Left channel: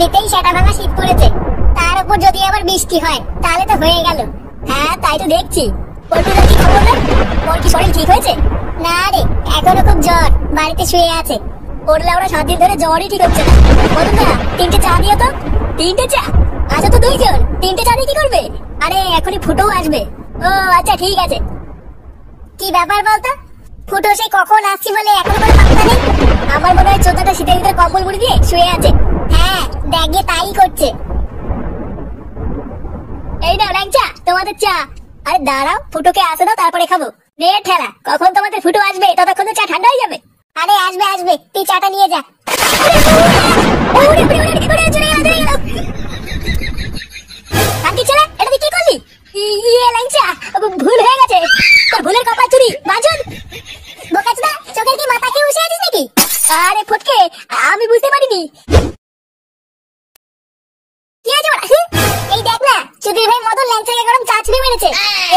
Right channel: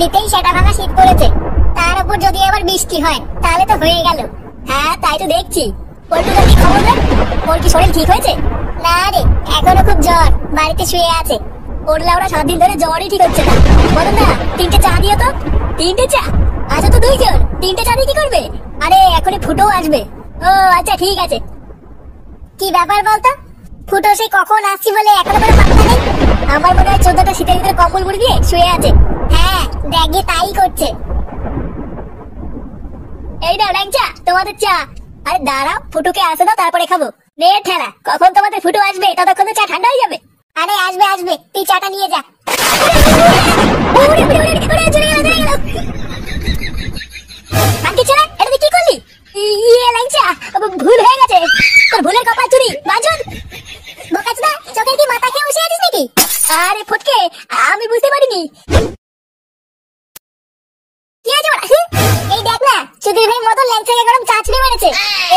এমনিতেই সেটা ভাঙা শীত পড়েছে, তার উপর যদি আবার বৃষ্টি হয় তাহলে তো হয়ে গেল। হ্যাঁ তাই তো দেখছি। পল্টুদার কি খবর রে? ওর কি শরীর ঠিক হয়েছে? না রে, এখনো খুব জ্বর, বাড়িতে শুয়ে আছে। ওর লাউড়া 7 দিন ধরে জ্বরই ঠিক হচ্ছে না। বলুন না, 3টে চা দিও তো। 3টে চা? আচ্ছা তো 2 জন, 3টে চা দিয়ে কি করবে? আরে এখনই ফুটো আসবে। ও আচ্ছা ঠিক আছে। কি ব্যাপার বলতো? ফুটো সেই কখন আসছি বলে এখনো কোনো পাত্তা নেই। আমার মনে হয় চোদ্দটা শীতের ভিতরে কম্বল মুড়ি দিয়ে শুয়ে আছে। হ্যাঁ দেখে তাই করছে। এই নাও ল্যাংচা, তোমাদের চা। আরে দাঁড়াও, ফুটোকে আসতে দাও তারপরে খাবো। নে ঠেলা, কখন তোমাদের ফুটো আসবে ততক্ষণ তো চা ঠান্ডা হয়ে যাবে। আরে আসবে আসবে, তুই চাটা নিয়ে যা। আজকে ছেলে এটা তুই কি করলি? ইয়ে ল্যাংচা, ভুল হয়ে গেছে। তোর ভুলের কপাল চুরি বাঁচন। বোকাচোদা, চোখের কি মাথা খেয়ে বসে আছিস নাকি? আরে ফটকে, আমি বুঝতে পারিনি। কি হয়েছে ওরা? এই দেখ না, চুদির ভাই মদন ল্যাংচাকে গরম চা ছুঁড়ে মেরেছে।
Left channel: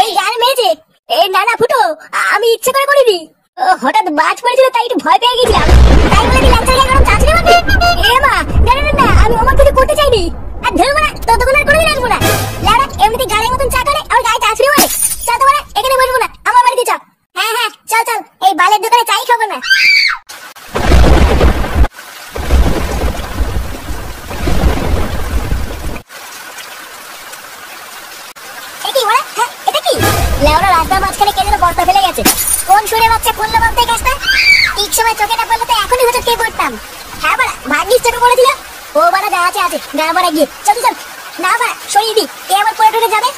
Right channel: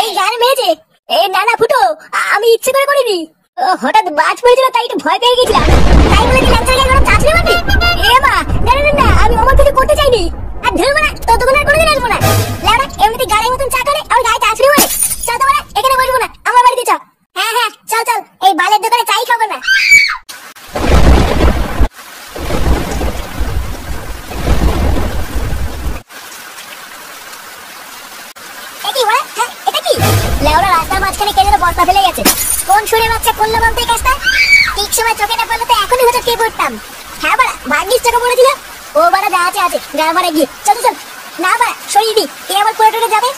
এই গান মেরেছে। এই না না ফুটো, আমি ইচ্ছে করে করিনি। হঠাৎ বাজ পড়েছিল তাই একটু ভয় পেয়ে গেছিলাম। তাই বলে কি ল্যাংচাকে গরম চা ছুঁড়ে মারবি? এ মা, না না না, আমি আমার কিছু করতে চাইনি। আর ধরবো না, ততক্ষণ আর কোনোদিন আসবো না। লাউড়া এমনিতে গাড়ির মতন চা করে আর গায়ে চা ছুঁড়ে মারে। চল তো বলে এখানে বসবো না, আমার বাড়িতে চল। হ্যাঁ হ্যাঁ চল চল, এই বালের দোকানে চাই খাবো না। রাস্তার মাঝখানে কে যেন বস্তা ফেলে গেছে। কোন সুরে বাচ্চা করলো বলতে কাজটা? ঠিক সময় চোখে না পড়লে তো এখনই হয়তো কে পড়তাম। হ্যাঁ বাড়া, ভাগ্যিস চোখে পড়েছিল। ও বাড়া যা আছে আছে, গা বাড়া গিয়ে চল চল। না বাড়া সরিয়ে দি, কে আবার পড়ে টুটে যাবে।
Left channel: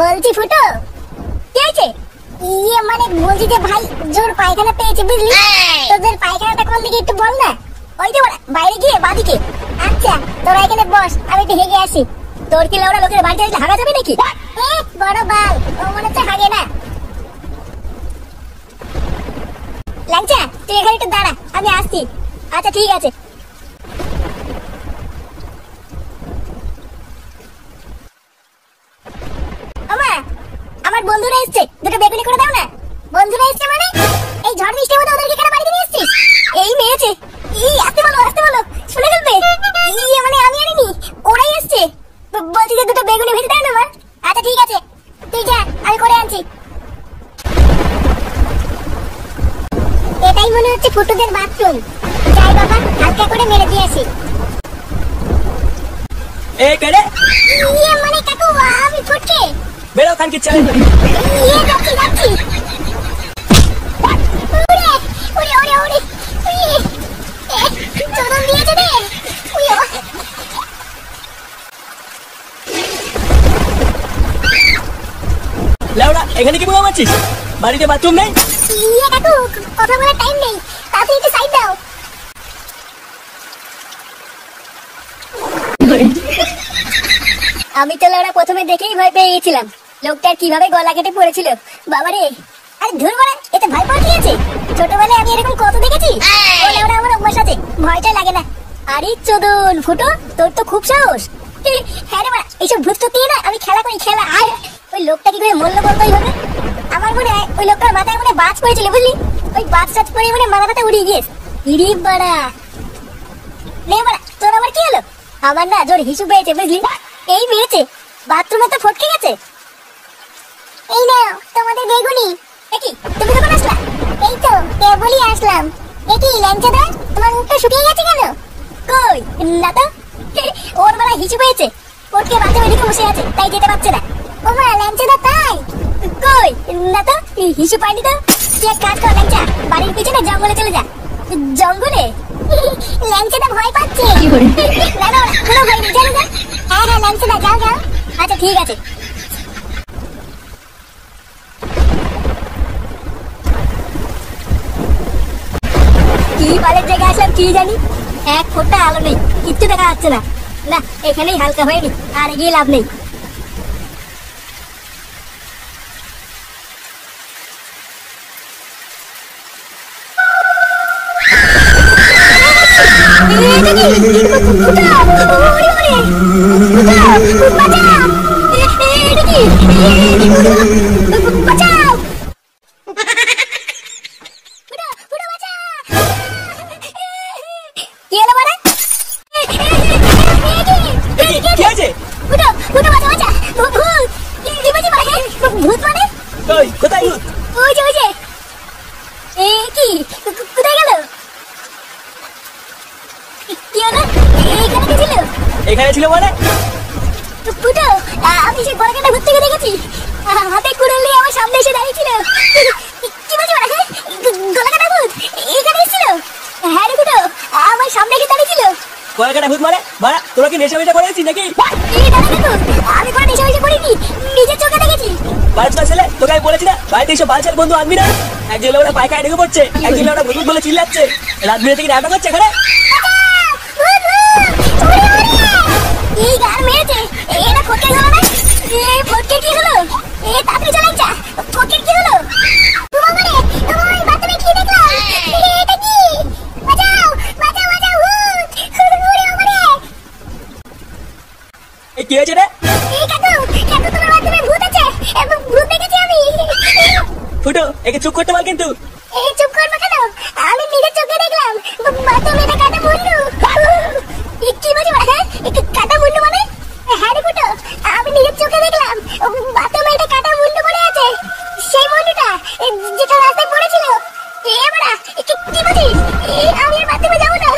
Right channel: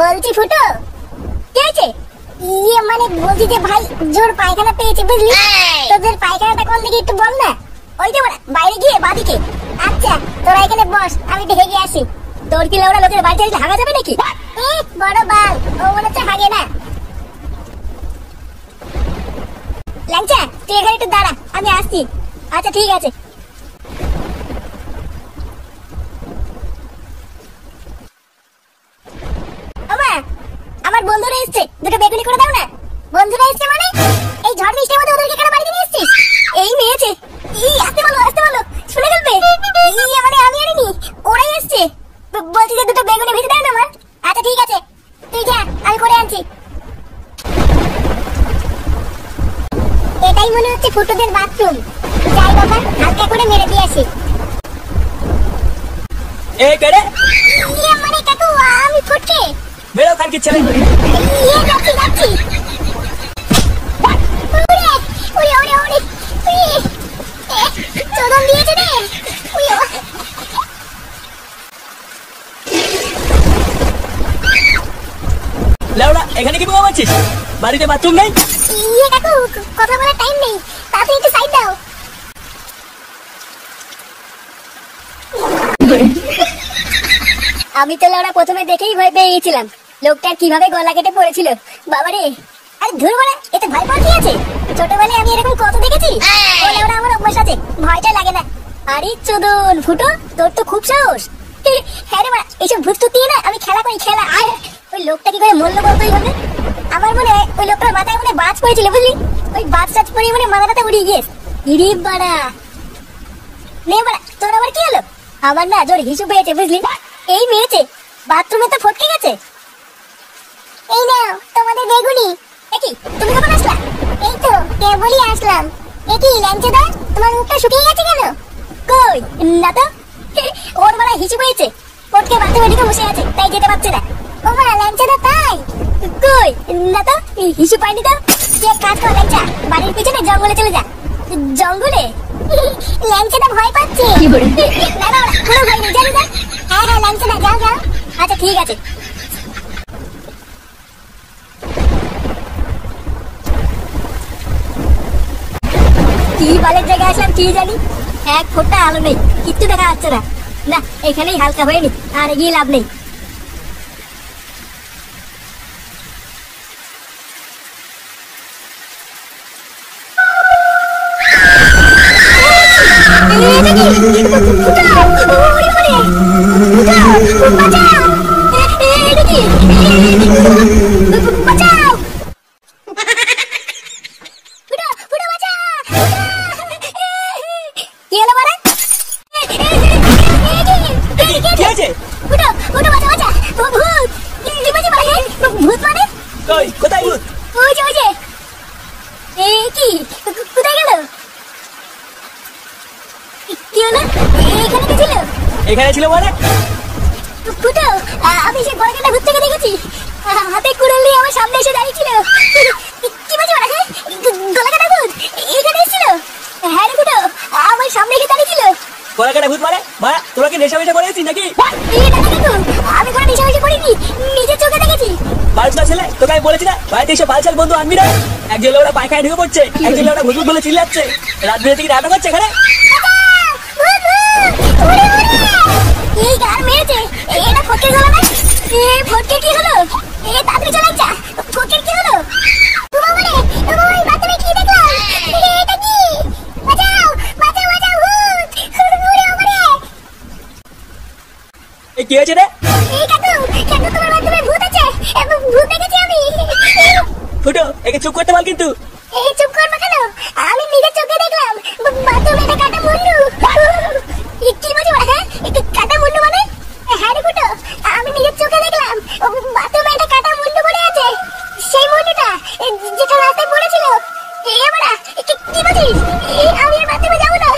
বলছি ফুটো, কি আছে? ইয়ে মানে বলছি যে ভাই জোর পায়খানা পেয়েছে বুঝলি। তোদের পায়খানাটা কোন দিকে একটু বল না। ওই যে বাইরে গিয়ে বাদিকে। আচ্ছা তোরা এখানে বস, আমি একটু হেগে আসি। তোর কি লাউড়া লোকের বাড়িতে এসে হাগা যাবে নাকি? বড় বাল, ও মনে হচ্ছে হাগে না। ল্যাংচা তুই এখানে একটু দাঁড়া, আমি আসছি। আচ্ছা ঠিক আছে। আমার বন্ধুরা এসছে, দুটো বেগুনি করে দাও না। বন্ধুরা এসছে মানে? এই ঝড় বৃষ্টির মধ্যে ওদেরকে কেন বাড়িতে নিয়ে এসছিস? এই মেয়েছে। আসতে বলো শুনে ফেলবে। ইয়ে মানে আমি আনিনি, ওরাই এসছে। বলছি যে দুটো বেগুনি ভেজে দেয় না আমার। আচ্ছা ঠিক আছে, তুই যা, আমি করে আনছি। এটাই মনে হচ্ছে ফুটুদের বাথরুম। যাই বাবা, হালকা করে মেরে দিয়ে আসি। এই কেড়ে? ইয়ে মানে কাকু, আমি ফটকে। বেরো খান কি চলে। ইয়ে যাচ্ছি। ওরে চোদন দিয়েছে রে। লাউড়া এখানে কি বলে মারছিস? বাড়িতে বাথরুম নেই? ইয়ে কাকু, কথা বলার টাইম নেই, তাড়াতাড়ি একটু সাইড দাও। আমি তো লাউড়া প্রথমে দেখেই ভয় পেয়ে গেছিলাম। লোকটা কিভাবে গলা কেটে পড়েছিল বাবারে। আরে ধুর বলা, এতে ভয় পাওয়া কি আছে? ছোটবেলায় আমি এরকম কত দেখেছি। ওরা আমার অভ্যাস আছে, ভয়টা লাগে না। আরে চোদন ফুটো, তোর তো খুব সাহস। হ্যাঁ রে মা, এইসব ভূত দিয়ে না আমি খেলা করি, খেলা। আর ওই লোকটা কি করে মরলো বলতো এইভাবে? আমার মনে হয় ওই লোকটার মাথায় মনে বাজ পড়েছিল বুঝলি। ওই বাজ টাজ পরে মানে মাথাটাতে উড়ে গিয়েছে। ইরি বাড়া, নে বাড়া তোর আবার কি হলো? আমার না জোরে হিসু পেয়েছে বুঝলি। এই মেরেছে, বাথরুমে তো ফটকে গেছে। এই নাও তোমাদের বেগুনি। একি তুমি কখন আসলা? এই তো কেবলই আসলাম। একি ল্যাংচাদা, তোমার মুখটা শুকিয়ে গেছে কেন? কই না তো। ওর বেলা হিসু পেয়েছে, ফটকে বাথরুমে ঢুকে বসে আছে, তাই যেতে পারছে না। ও মা ল্যাংচাদা তাই? কই না তো, হিসু পাইনি তো। তুই এক কাজ কর ল্যাংচা, বাড়ির পিছনে জঙ্গলে চলে যা। জঙ্গলে? ল্যাংচাদা ভয় পাচ্ছে। না না কোনো ভয় নেই, জানি না। হ্যাঁ ল্যাংচাদা যাও যাও। আচ্ছা ঠিক আছে। কি বালের জায়গায় আসলাম কি জানি, এক ফোঁটা আলো নেই, কিচ্ছু দেখা যাচ্ছে না। না এখানেই হালকা হয়নি, আর এগিয়ে লাভ নেই। কি আছে? ওই কোথায় ভূত? কোথায় গেল? কি হলো? এখানে কে ছিল? এখানে ছিল মানে? ফুটো, আমি সে গলাকাটা ঘুরতে গিয়ে দেখেছি, হাতে কুড়াল নিয়ে আমার সামনে এসে দাঁড়িয়েছিল। কি বলছো? গলাকাটা ভূত এখানে এসেছিল? হ্যাঁ রে ফুটো, আমার সামনে এসে দাঁড়িয়েছিল। গলাকাটা ভূত মানে? মারা, তোরা কি নেশা ফেশা করেছিস নাকি? আমি কোনো নেশা ফেশা করিনি, নিজের চোখে দেখেছি। বালছাল ছেলে, তোকে আমি বলেছি না বাড়িতে এসে বালছাল বন্ধু আনবি না। একজন ওরা পায়খানায় ঢুকে পড়ছে, একজন ওরা ভূত বলে চিল্লাচ্ছে, রাত বিরেতে কি নাটক হচ্ছে এখানে? এই গান মেরেছে, এটা ফটকে গেল না? ফটকে কি হলো? তাড়াতাড়ি চলে যা, ফটকে কি হলো? এটা কি? বাঁচাও, বাঁচাও, বাঁচাও, এই কি হয়েছে রে? তোমার মাধ্যমে ভূত আছে, ভূত দেখেছি আমি। ফুটো, একে চুপ করতে বল কিন্তু। চুপ করবে কেন? আমি নিজের চোখে দেখলাম, বাথরুমে এটা কাটা মুন্ডু। কি বলছো? হ্যাঁ, কাটা মুন্ডু মানে? হ্যাঁ রে ফুটো, আমি নিজের চোখে দেখলাম, বাথরুমে এটা কাটা মুন্ডু পড়ে আছে। সেই মুন্ডুটা যেটা রাস্তায় পড়েছিল। এবারে কি বলছিস? আমি আর বাথরুমে যাবো না।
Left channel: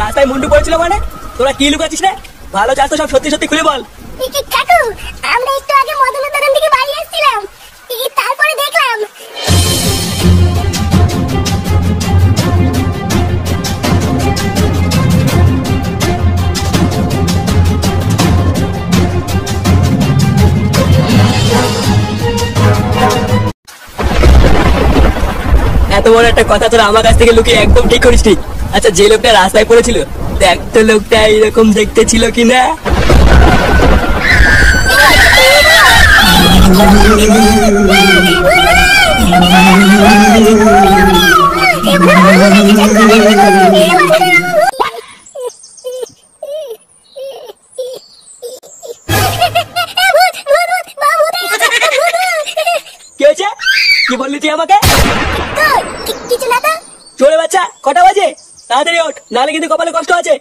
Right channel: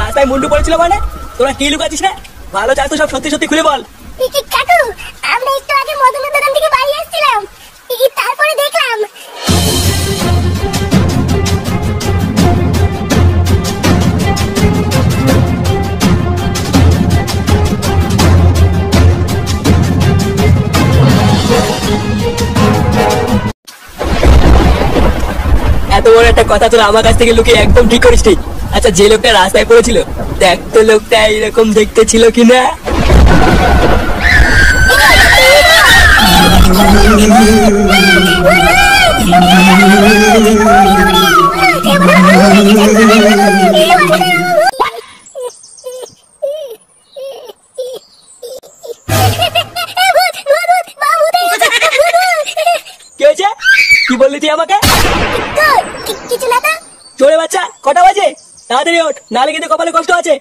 রাস্তায় মুন্ডু পড়েছিল মানে? তোরা কি লুকাচ্ছিস রে? ভালো চাস তো সব সত্যি সত্যি খুলে বল। কাকু, আমরা একটু আগে মদনের দোকান থেকে বাড়ি আসছিলাম, তারপরে দেখলাম। এত বড় একটা কথা তোরা আমার কাছ থেকে লুকিয়ে একদম ঠিক করিস নি। আচ্ছা, যে লোকটা রাস্তায় পড়েছিল, দেখ তো লোকটা এরকম দেখতে ছিল কিনা। কি হয়েছে? কি বললি তুই আমাকে? কিছু না তো। চোরে বাচ্চা, কটা বাজে? তাড়াতাড়ি ওঠ, নাহলে কিন্তু কপালে কষ্ট আছে।